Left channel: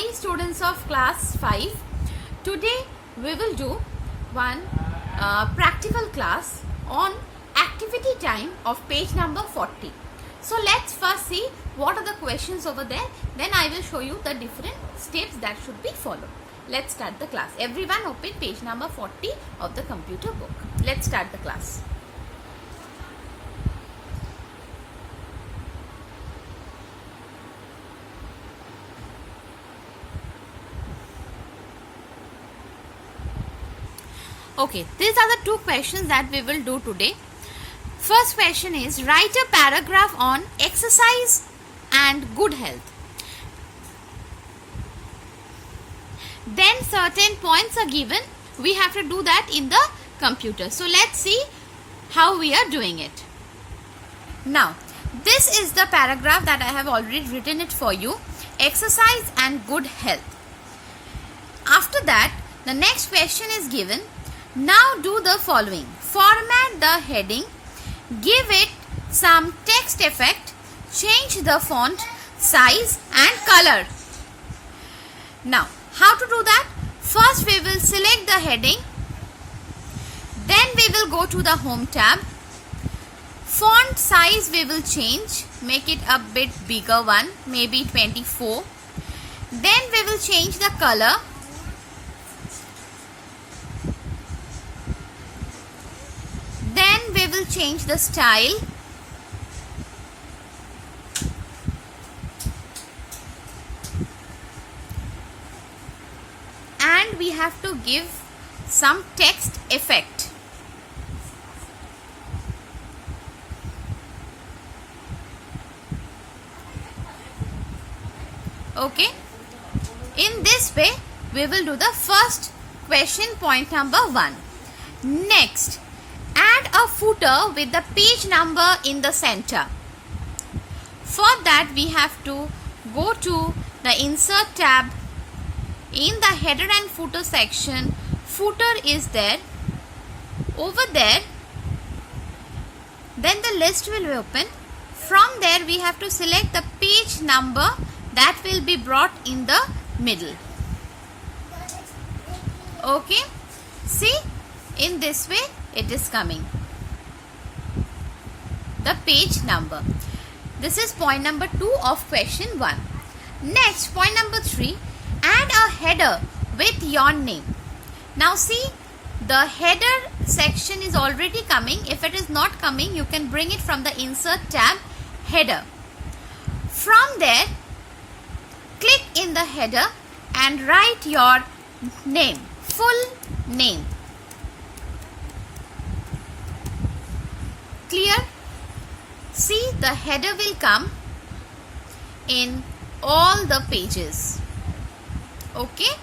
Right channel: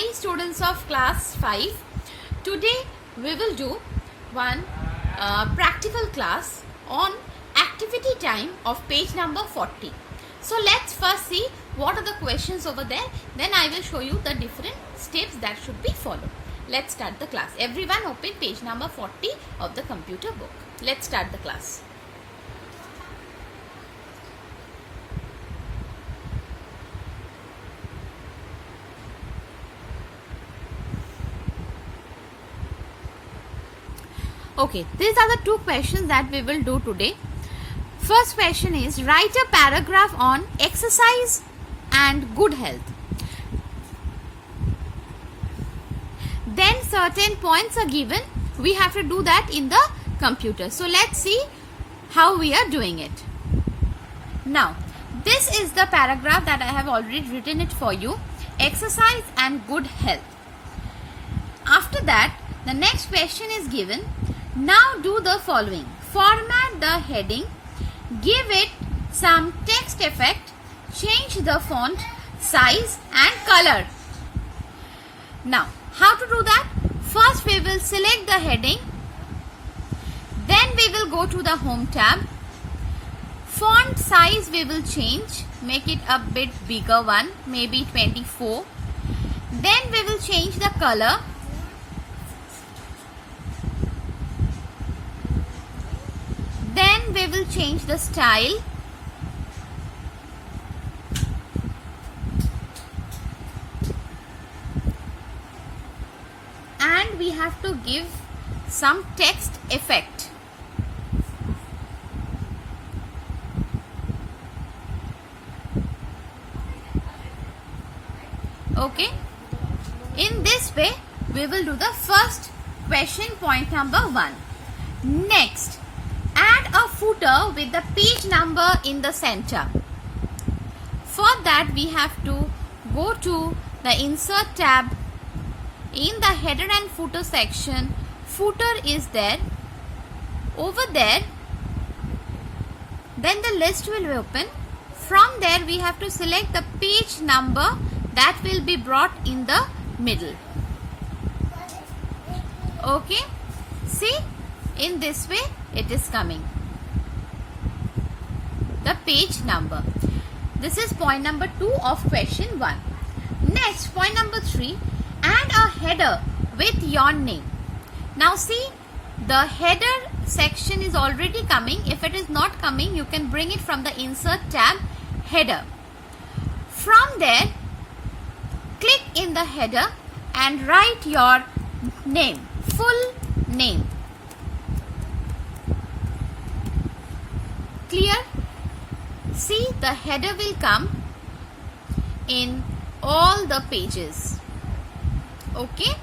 Hi students of class 5. Today we will do one practical class on activity time of page number 40. So let's first see what are the questions over there. Then I will show you the different steps that should be followed. Let's start the class. Everyone open page number 40 of the computer book. Let's start the class. Okay, these are the two questions that we will do today. First question is, write a paragraph on exercise and good health. Then certain points are given. We have to do that in the computer. So let's see how we are doing it. Now, this is the paragraph that I have already written it for you. Exercise and good health. After that, the next question is given. Now do the following. Format the heading, give it some text effect, change the font, size and color. Now, how to do that? First we will select the heading, then we will go to the home tab. Font size we will change, make it a bit bigger one, maybe 24. Then we will change the color. Then we will change the style. And we have to give some text effect. Okay. In this way, we will do the first question, point number 1. Next, add a footer with the page number in the center. For that, we have to go to the insert tab. In the header and footer section, footer is there. Over there, then the list will be open. From there, we have to select the page number that will be brought in the middle. Okay, see, in this way it is coming, the page number. This is point number 2 of question 1. Next, point number 3, add a header with your name. Now see, the header section is already coming. If it is not coming, you can bring it from the insert tab, header. From there, click in the header and write your name, full name. Clear? See, the header will come in all the pages. Okay.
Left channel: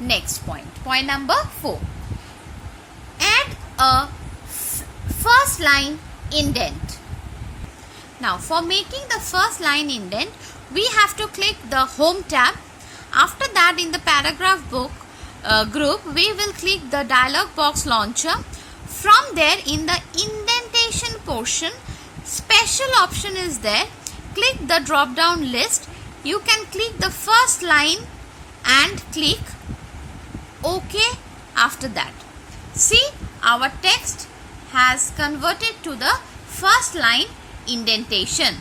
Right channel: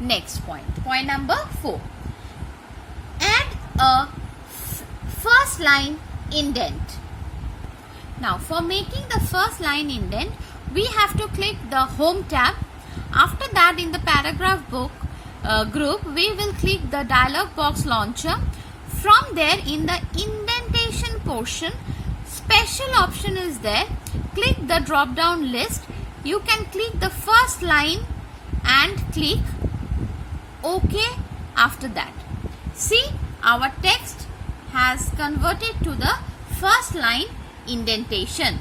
Next point. Point number 4. Add a first line indent. Now, for making the first line indent, we have to click the home tab. After that, in the paragraph book group, we will click the dialog box launcher. From there, in the indentation portion, special option is there. Click the drop down list. You can click the first line and click OK after that. See, our text has converted to the first line indentation.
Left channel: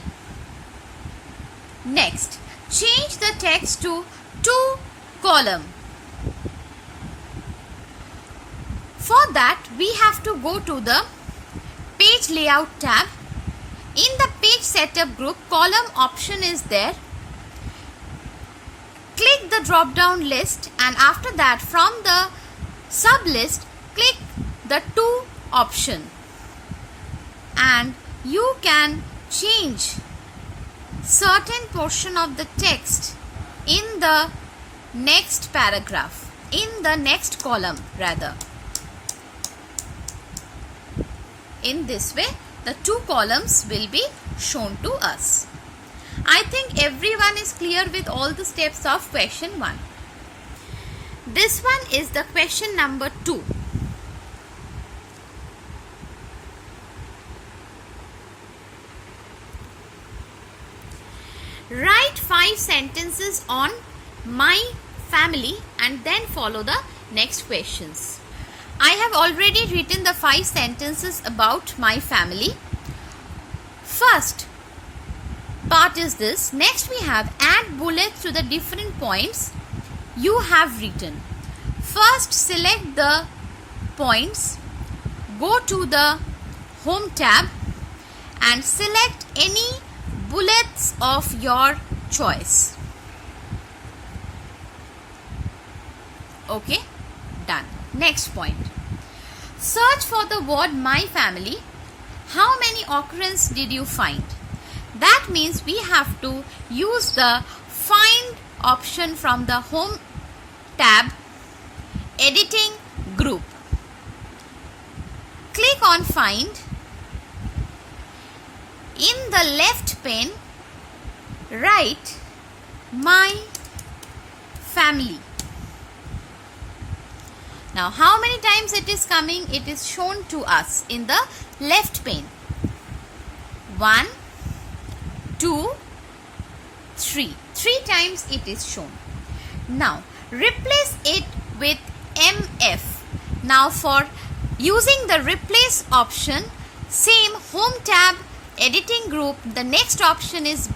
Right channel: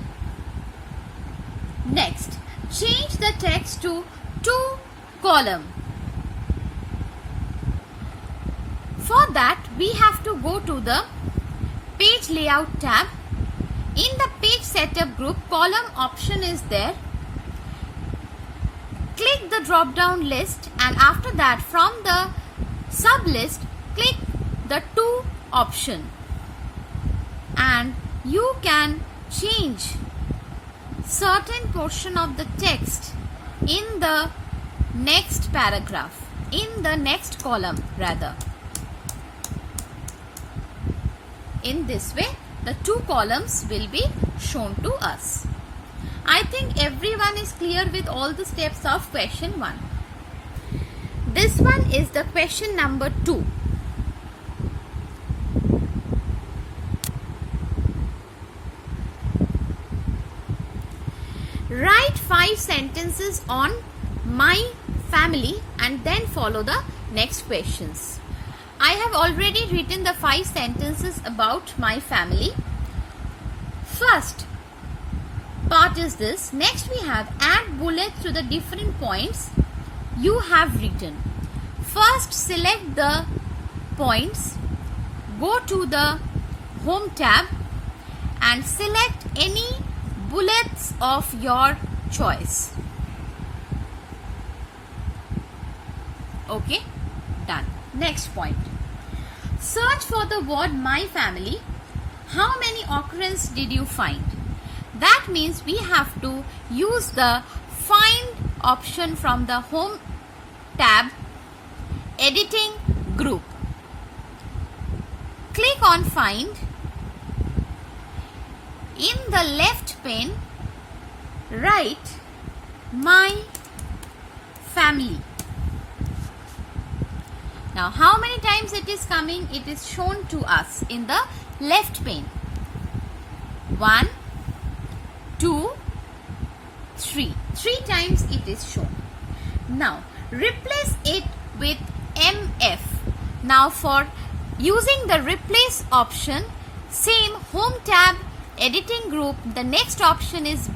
Next, change the text to 2 column. For that, we have to go to the page layout tab. In the page setup group, column option is there. Click the drop down list and after that, from the sub list, click the 2 option. And you can change certain portion of the text in the next paragraph, in the next column rather. In this way, the 2 columns will be shown to us. I think everyone is clear with all the steps of question 1. This one is the question number 2. Write 5 sentences on my family and then follow the next questions. I have already written the 5 sentences about my family. First part is this. Next we have add bullets to the different points you have written. First select the points, go to the home tab and select any bullets of your choice. Okay, done. Next point. Search for the word my family. How many occurrences did you find? That means we have to use the find option from the home tab, editing group. Click on find. In the left pane, write my family. Now how many times it is coming? It is shown to us in the left pane. 1, 2, 3. 3 times it is shown. Now replace it with MF. Now for using the replace option, same home tab, editing group, the next option is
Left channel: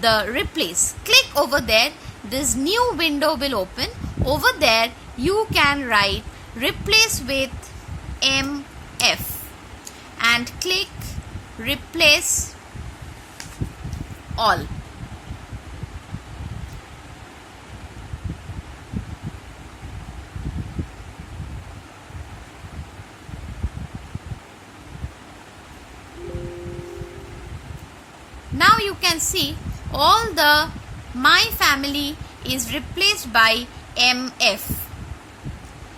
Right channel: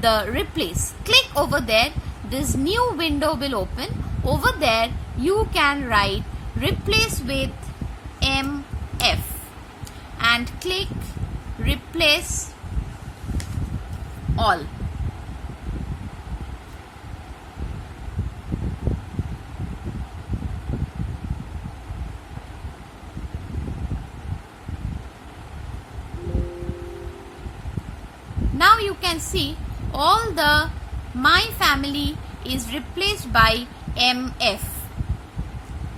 the replace. Click over there. This new window will open. Over there you can write replace with MF and click replace all. Now you can see all the my family is replaced by MF.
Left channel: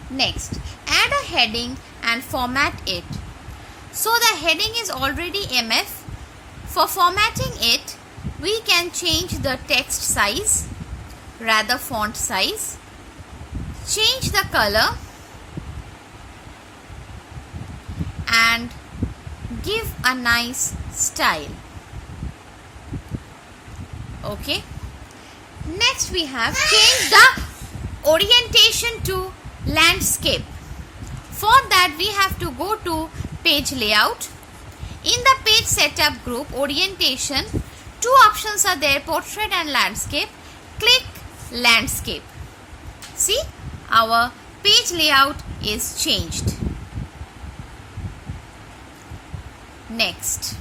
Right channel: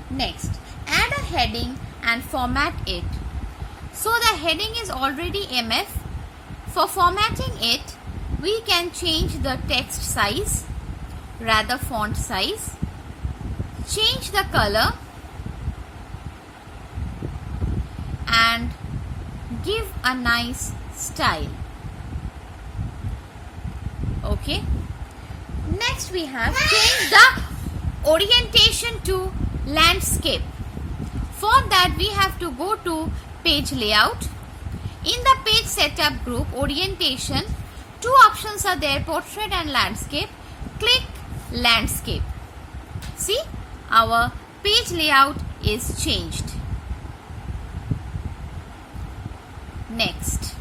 Next, add a heading and format it. So the heading is already MF. For formatting it, we can change the text size, rather font size, change the color and give a nice style. Okay. Next we have change the orientation to landscape. For that we have to go to page layout. In the page setup group orientation, 2 options are there, portrait and landscape. Click landscape. See, our page layout is changed. Next.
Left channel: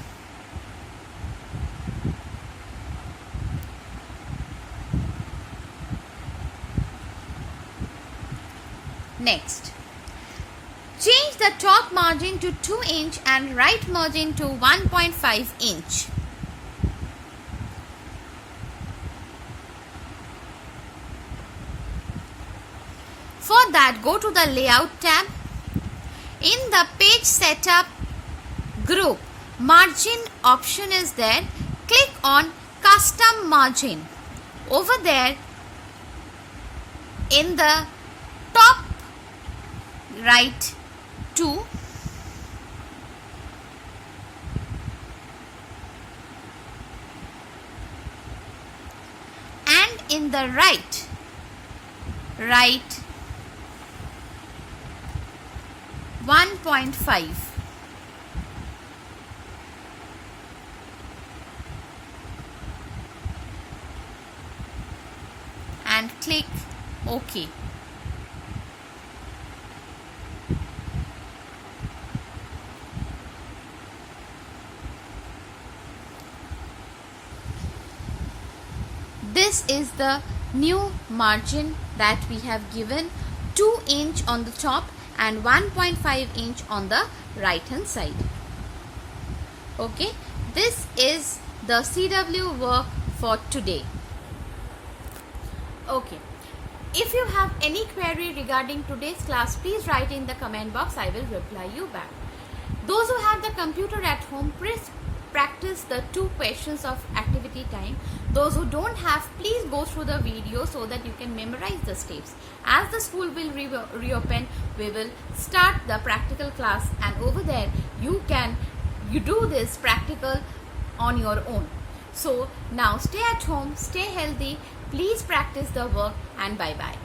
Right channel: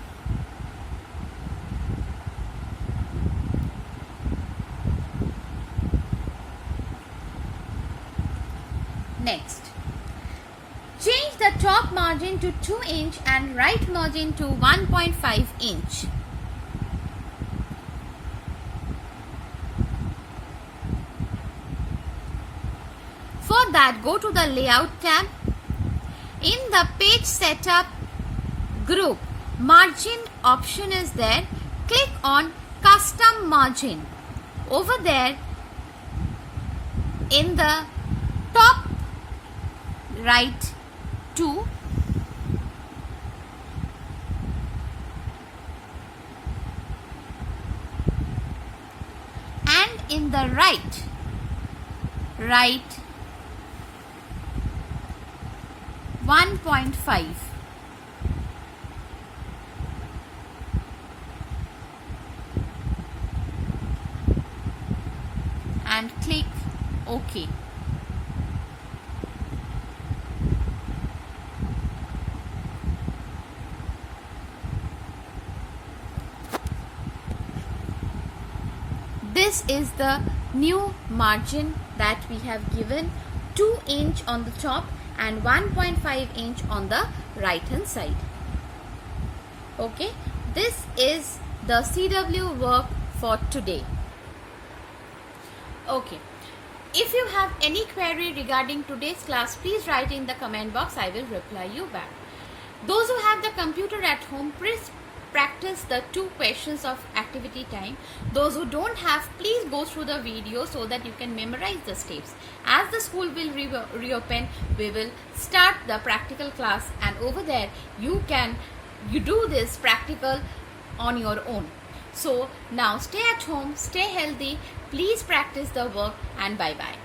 Next, change the top margin to 2 inch and right margin to 1.5 inch. For that, go to the layout tab. In the page setup group, margin option is there. Click on custom margin. Over there, in the top right 2, and in the right 1.5. and click OK. This is the new margin that we have given, 2 inch on the top and 1.5 inch on the right hand side. Okay, this is the CW work for today. Okay, if you have any query regarding today's class, please write in the comment box. I will reply you back. Those who have the computer at home, please practice the 2 questions of activity time. Those who don't have, please go through the video so that you can memorize the steps. As the school will reopen, we will start the practical class, and over there you do this practical on your own. So now stay at home, stay healthy, please practice the work, and bye bye.